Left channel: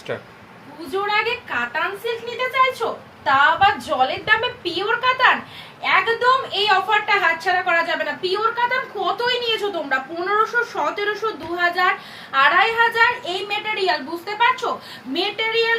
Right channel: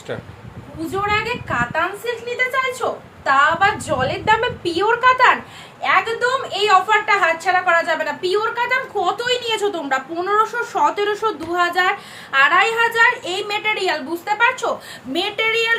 Start পুজোর আগে কাতান সিল্ক নিতে চাইছো? তা আবার জলের দামে পিওর কাতান? একদম এই অফারটা হাতছাড়া করা যাবে না। পিওর কাতান কতই নিয়েছো তোমরা? পনেরোশো, সতেরোশো দু হাজার আড়াই হাজার, এই মেটেরিয়াল বুঝতে পারছ? মেটেরিয়াল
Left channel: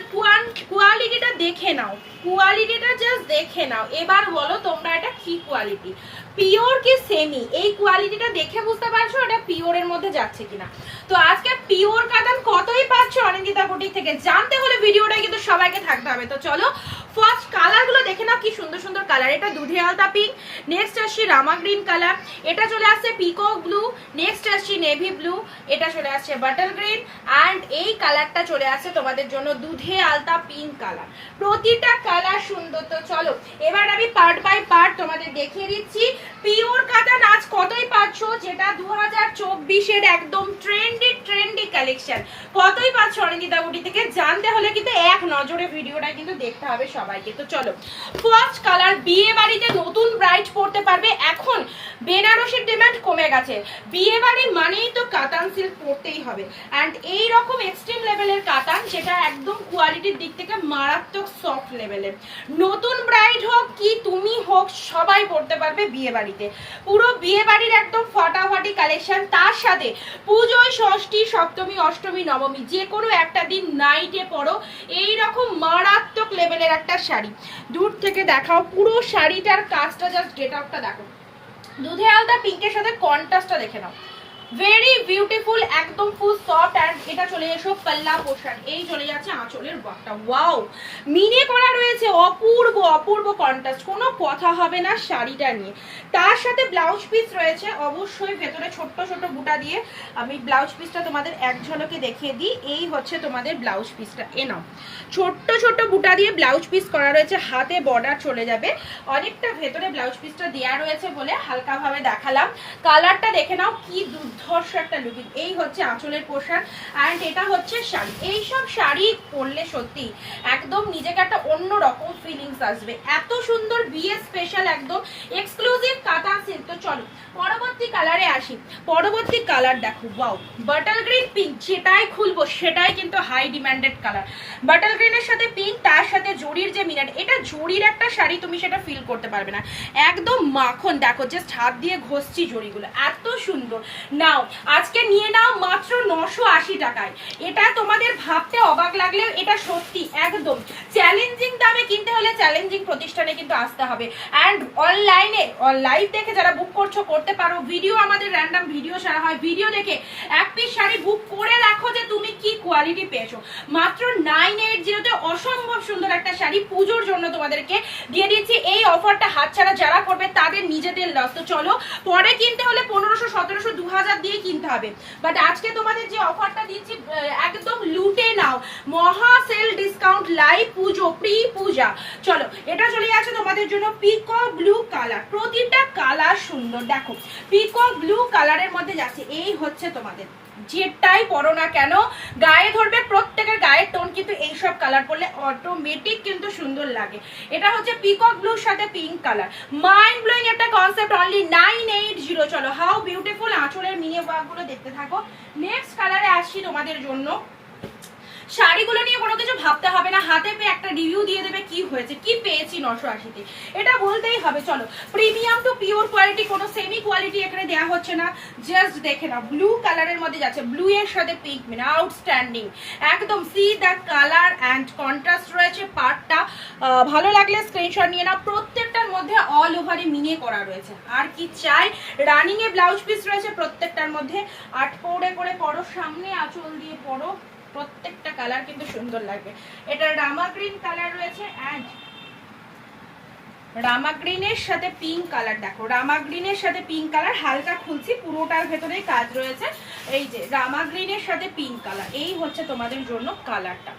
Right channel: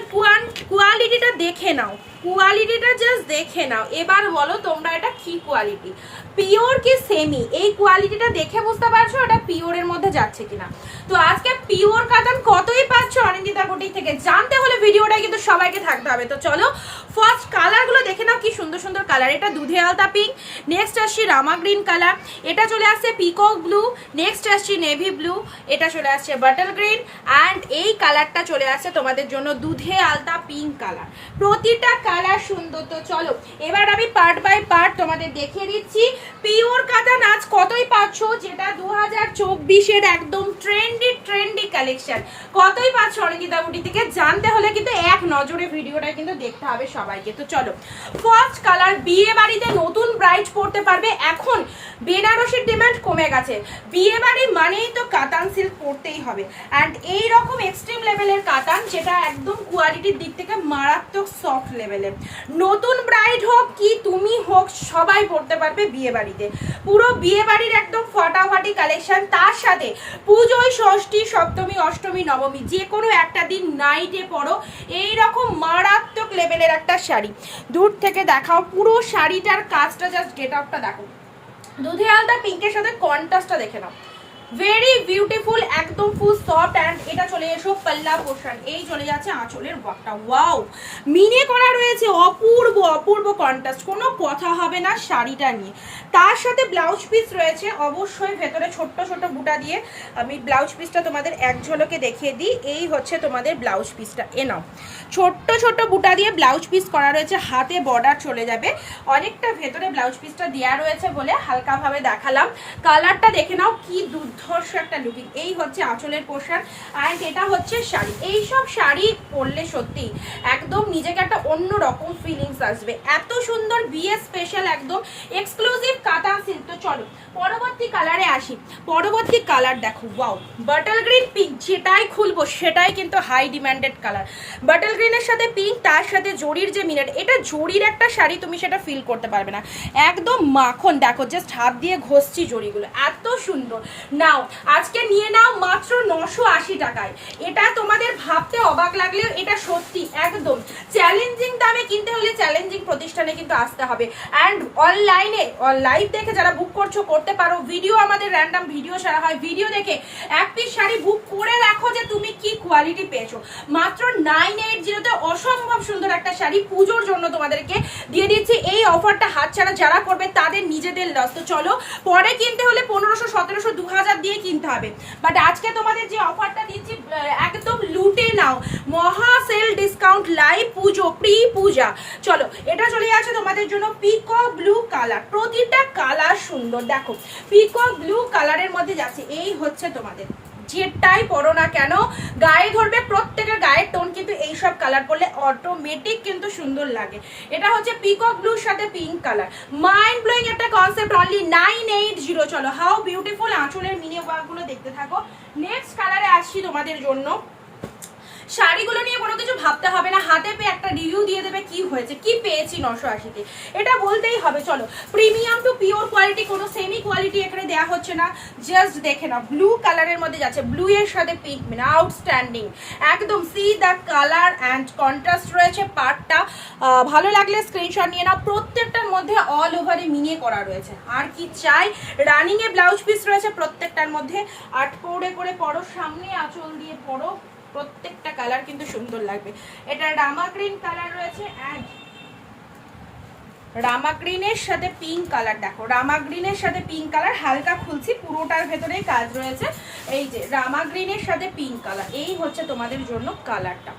কোয়ালিটিটা দেখে নাও। কোয়ালিটিটা জাস্ট দেখে নাও। এবার বলো তোমরা এটা কি কোয়ালিটি পিওর কি সেমি? এই কোয়ালিটিটা দেখে বুঝতে পারছ এটা পিওরের মধ্যে যাচ্ছে কিনা? তো আজকে পিওর কাতান কতই পাচ্ছ অনিন্দিতা বুটিক থেকে? জানতে হলে ভিডিওটা কিন্তু সবাইকে থাকতে হবে। তো চলো ফার্স্ট কালারগুলো দেখে নাও কি সুন্দর সুন্দর কালার এটা দুধে আলতা পিঙ্ক নেক্সট আসছে রামা গ্রিন কালার এটা চলে আসছে পিকক ব্লু নেক্সট আসছে নেভি ব্লু এটা চলে আসছে বাটার গ্রিন অ্যান্ড এই কালারটা চলে আসছে তোমাদের জন্য দুধে আলতা পিঙ্ক কালার প্রতিটা কালার সুন্দর তো চলো, এবার আমি পার্ট বাই পার্ট তোমাদের দেখিয়ে দিচ্ছি। পিওর কাতান নাচ কতই পাচ্ছ যেটা দু হাজার চব্বিশের একদম ট্রেন্ডি ট্রেন্ডি কালেকশন কতই পাচ্ছ বুটি থেকে? জানতে হলে কিন্তু এক নজরে ভিডিওটা কিন্তু দেখতে হবে সবাইকে। তো চলো ফার্স্ট কালার বিয়ে বাড়িতে নতুন ব্রাইড পড়তে পারবে এখন। বেনারসির ডিমান্ড কমে গেছে। বিয়ে বাড়ি মানেই তো কাতান সিল্ক পরতেই হবে। অ্যান্ড এই রকম এক্সট্রিম লেভেলের কাতান যেটা একদম কোয়ালিটির দিক থেকে মারাত্মক সফট লেভেলের নতুন ব্রাইড হোক কি তুমি হোক, সবাই পড়তে পারবে বিয়ে বাড়িতে পুরো বিয়ে বাড়ির একদম ফাটাফাটি কালেকশন তার সাথে পুজোয় ষষ্ঠী, সপ্তমী, অষ্টমী, নবমী যে কোনো একটা দিন নাইটে পড়ো এই রকম মারাত্মক লেভেলের একটা শাড়ি। দূর থেকে দেখাও পুরো শাড়িটার কাজটা জাস্ট গেট আপটা দেখো। দুধে আলতা, পিঙ্কের সাথে কন্ট্রাস্টটা দেখে নাও। ভেরি বিউটিফুল একদম ফুল সফট অ্যান্ড এটা চলে এসো পাল্লা পোশান এই চলে যাচ্ছে আঁচলের ওয়াকটা ওয়াও মিনে করা রয়েছে অপূর্ব অপূর্ব কন্ট্রাস্ট কোনো কথা হবে না শাড়িটা নিয়ে। তার সাথে ব্লাউজ পিস রয়েছে। অবশ্যই ভেতরে ছোট্ট ছোট বুটা দিয়ে আমি ব্লাউজ পিসটা তোমাদের এক ঝলকে দেখিয়ে দিই। এই হচ্ছে তোমাদের ব্লাউজ পিসটা এ নাও। ছোট্ট ছোট্ট বুটা দিয়ে ব্লাউজ পিস করা রয়েছে। হাতে বর্ডার চলে যাবে। অনেকটা ভেতরে ব্লাউজ পিসটা দেওয়া রয়েছে বলে হালকাভাবে দেখালাম। কালারটা দেখে নাও, কি দুর্ধর্ষ একটা লুকিং এই হচ্ছে আঁচলের পোশাক অ্যান্ড এটা হচ্ছে শাড়ি। এই সব শাড়ি পরলে সত্যি একদম নিজেকে একটা অন্য রকম ফিলিংস আসবে। এত সুন্দর বিয়ে স্পেশাল একদম এক্সক্লুসিভ কাতা সিল্ক তো চলো, পরবর্তী কালারে আসি। পরবর্তী কালার দেখো ওয়াও বাটল গ্রিন পিঙ্ক যেটাই খুলবো সেটাই কিন্তু হাই ডিম্যান্ডেড কালার বাটল গ্রিনের সাথে পিঙ্ক তার সাথে জরির যে মিনার, এটা জরির একটা শাড়ি, তুমি সেটা ফিল করতে পারবে না। একদম মাখন, দেখো জাস্ট হাত দিয়ে ঘষছি জরিগুলো। এত সুন্দর। নাও, আজকে নিয়ে নাও মাত্র নশো আশি টাকায়। এটা তোমাদের ভাবতে অবাক লাগলেও এটা সত্যি, একদম। চ্যালেঞ্জিং দামে কিনতে হলে চ্যালেঞ্জিং প্রতিষ্ঠানে কিন্তু আসতে হবে। অ্যান্ড অনলাইনে লাইভ দেখে যারা বুক করছ, করতে পারো। ভিডিও আমাদের র্যান্ডাম ভিডিও ছাড়া হয়। ভিডিও দেখে এক পিস শাড়ি বুক করে রাখো যে তুমি কি কোয়ালিটি পেয়েছ। মাত্র নাইন এইট জিরোতে অসম্ভব সুন্দর একটা শাড়ি পুজোর জন্য তোমাদেরকে দিয়ে দিচ্ছি। এই অফারটা হাতছাড়া যারা করবে, তাদের নিজেদের লস তো চলো, পরে কিনতে হলে পনেরোশো, সতেরোশো দু হাজার দিয়ে কিনতে হবে। বাট আজকে তোমাদের যে অফারটা দিচ্ছি একদম লুটে নাও। মহা sale discount live Pujo pre Puja চলো, এটা চলে যাচ্ছে তোমাদের জন্য পিকো ব্লু কালার প্রতিটা কালার সুন্দর। দেখো পিকো ব্লু কালারের মধ্যে যাচ্ছে। এই হচ্ছে তোমাদের। যেটাই পরো না কেন, গায়ে ধরবে প্রত্যেকের গায়ের টোন কিন্তু এইসব কালার পরলে অটোমেটিক কিন্তু সুন্দর লাগে। এটা হচ্ছে পিকক ব্লুর সাথে পিঙ্ক কালার মাইন্ড ব্লোয়িং একটা concept only nine eight zero চলো হাউ বিউটিফুল আঁচলের মিনে ওয়ার্কগুলো দেখতে থাকো। নেক্সট কালারে আসছি তোমাদের জন্য। শাড়িগুলো নিয়ে কোনো কিছু ভাবতে হবে না, হাতে পেয়ে একটা রিভিউ দিয়ে দেবে কি হয়েছে, কি পেয়েছি নশো আশিতে। এটা বলতেই হবে, চলো। প্রিমিয়াম টু পিওর কোয়ালিটি কোনো সেমি কোয়ালিটি এখানে দেওয়া হচ্ছে না জাস্ট দেখে না ব্লু কালারের মধ্যে যাচ্ছে ব্লু এর সাথে পিঙ্ক মানে আউটস্ট্যান্ডিং একদম see the colour and contrast রয়েছে পার্টটা ভালো লাগলে স্ক্রিনশট নিয়ে না প্রত্যেকটার মধ্যে অল ওভারে মিনে করা রয়েছে। আর কি চাই রানিংয়ে ব্লাউজ পিস রয়েছে প্রত্যেকটার মধ্যে। আট পৌড়ে করে পরো, সামনে আঁচল দিয়ে পরো। প্রত্যেকটা কালার কিন্তু সুন্দর লাগবে। এটা রামা গ্রিন কালার রয়েছে অ্যান্ড রামা গ্রিনের সাথে পিঙ্ক কালার দেখো, রামা গ্রিনের সাথে পিঙ্ক কালার হালকা খুলছি, পুরোটার ভেতরে কাজ রয়েছে। এই যে, রামা গ্রিনের সাথে পিঙ্ক কালার এই হচ্ছে তোমাদের জন্য কালারটা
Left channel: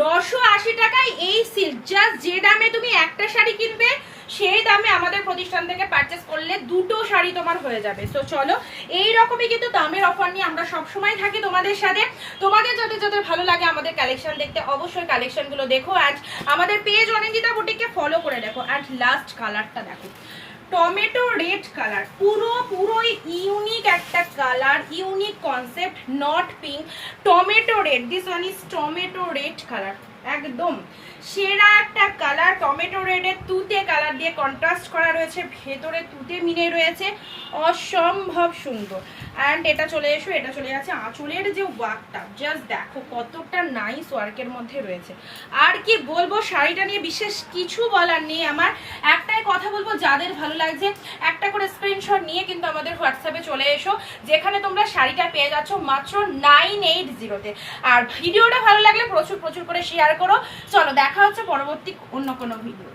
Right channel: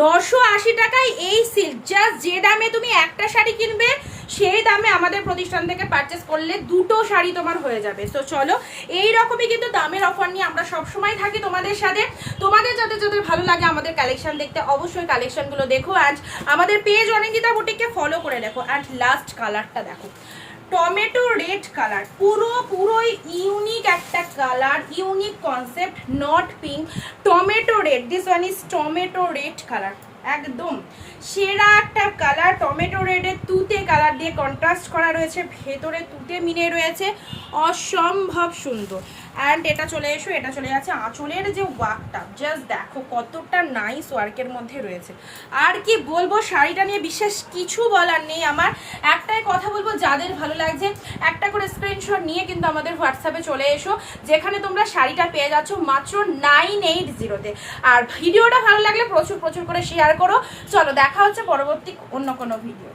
নশো আশি টাকায় এই সিল্ক জাস্ট যে দামে তুমি একটা শাড়ি কিনবে সেই দামে আমাদের প্রতিষ্ঠান থেকে পারচেস করলে দুটো শাড়ি তোমার হয়ে যাবে। তো চলো এই রকমই কিন্তু দামের অফার নিয়ে আমরা সব সময় থাকি তোমাদের সাথে। তোমাদের যদি যদি ভালো লাগে আমাদের কালেকশন দেখতে, অবশ্যই কালেকশনগুলো দেখো। অ্যান্ড আমাদের পেজ অনিন্দিতা বুটিককে ফলো করে দেখো। অ্যান্ড লাস্ট কালারটা দেখো। টমেটো রেড কালার পুরো, পুরোই ইউনিক একটা colour unique concept not pink tomato red this one is tomato red colour একদম সেরা একটা কালার টমেটো রেডের তুতে কালার দিয়ে কন্ট্রাস্ট করা রয়েছে, ভেতরে তুতে মিলে রয়েছে, অসম্ভব সুন্দর। অ্যান্ড এটা চলে এসো, এটা চলে যাচ্ছে আঁচলের যে ওয়ার্কটা জাস্ট দেখো কতটা নাইস ওয়ার্কের মধ্যে রয়েছে। আর কি বলব, শাড়িটা নিয়ে বিশেষ কিছু বলার নেই আমার। একটাই কথা বলব, যাদের ভালো লাগছে, একটা করে স্ক্রিনশট নিয়ে কিন্তু আমাদের হোয়াটসঅ্যাপে চলে এসো, যেখানে তোমরা শাড়িটা পেয়ে যাচ্ছ মাত্র নাইন এইট জিরোতে আর ভিডিওটা ভালো লাগলে প্রচুর প্রচুর করে শেয়ার করো। চলো, দেখা হচ্ছে পরবর্তী অন্য কোনো ভিডিও